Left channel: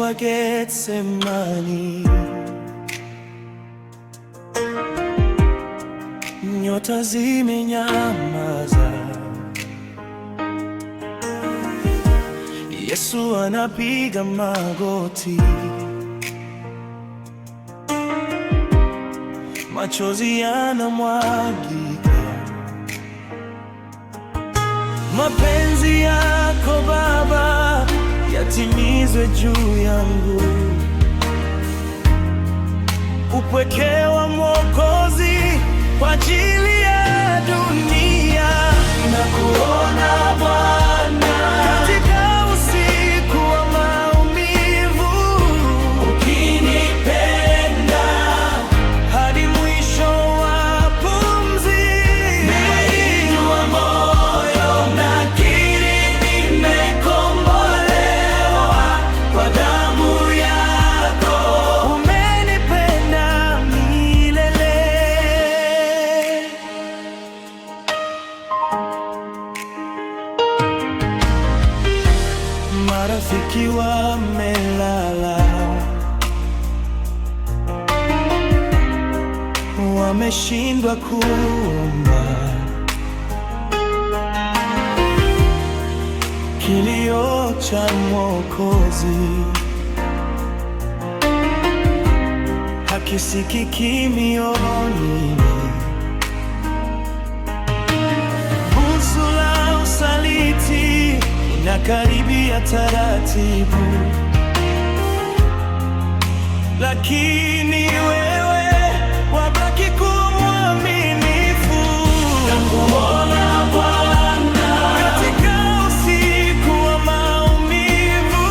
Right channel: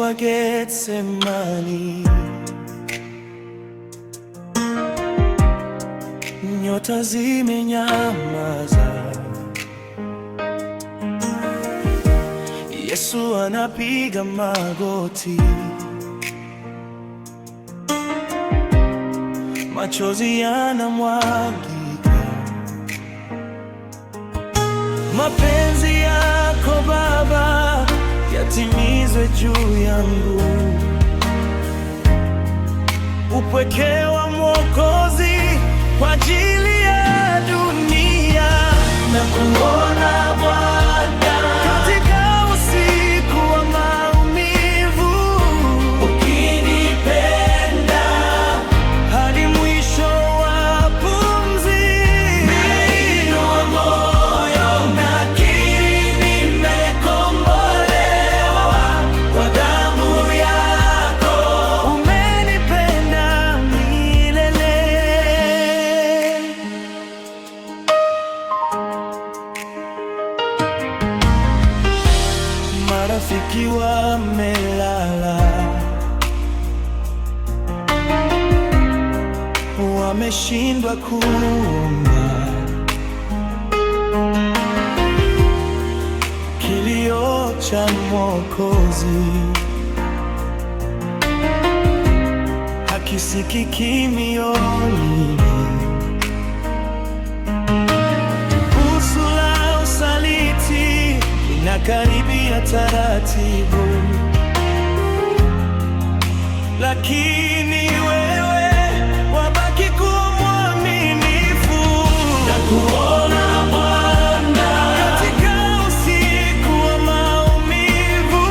wa Getsemani, nyota zimenyamaza, Yesu anapiga magoti, machozi yanamwagika. Mapenzi yako Baba yatimizwe juu yangu, upweke wa Mwokozi kwa ajili ya dunia. Na kuona Bwana katika usiku wa maumivu, ukinipenda hadi mwisho wa pumzi. Nainua moyo, nakiri nimekombolewa kwa damu yako, umenipenda milele. Marafiki wamelala, wameshindwa kuomba, kilio cha Mwokozi hakisikiki mioyoni. Busu la usaliti inakaribia taratibu, lakini wewe wabaki kuwa mwaminifu. Nakuona Bwana katika usiku wa maumivu,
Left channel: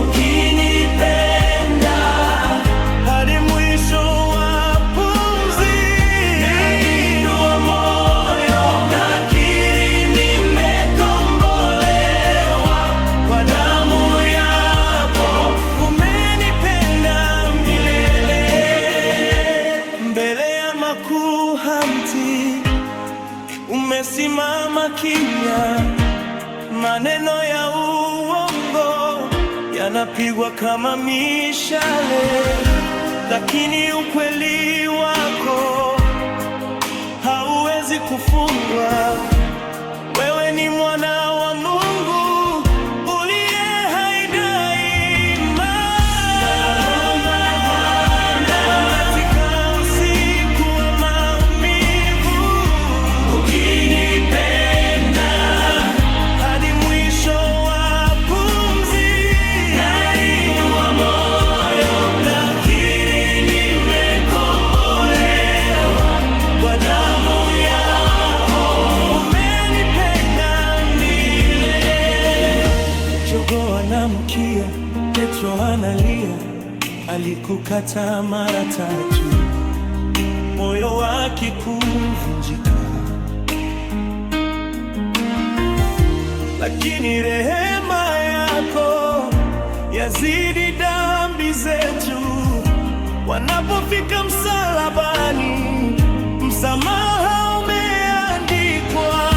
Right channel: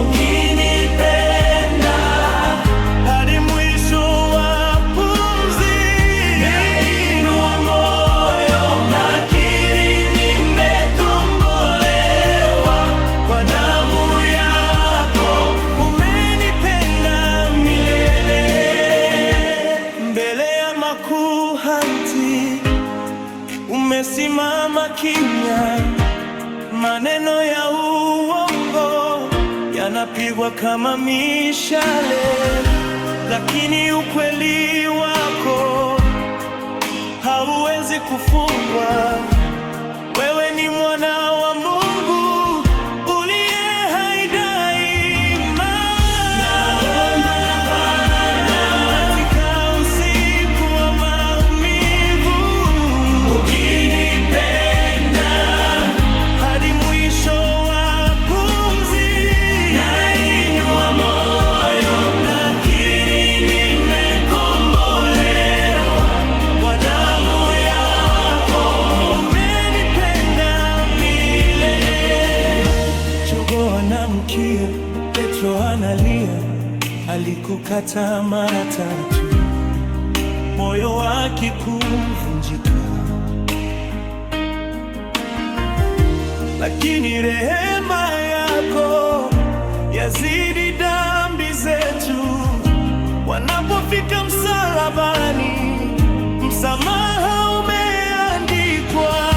ukinipenda hadi mwisho wa pumzi. Nainua moyo, nakiri nimekombolewa kwa damu yako, umenipenda milele. Mbele ya makuhani umesimama kimya, maneno ya uongo yanapigwa kama mishale, lakini ukweli wako hauwezi kufungwa. Wewe ni mwana wa Mungu uliye hai daima. Katika usiku wa maumivu, ukinipenda hadi mwisho wa pumzi. Nainua moyo, nakiri nimekombolewa kwa damu yako, umenipenda milele. Jogoo anamkia, Petro analia, alikukata mara tatu, moyo wake kuvunjika, lakini rehema yako yazidi dhambi zetu. Wanapofika msalabani, msamaha umeandikwa.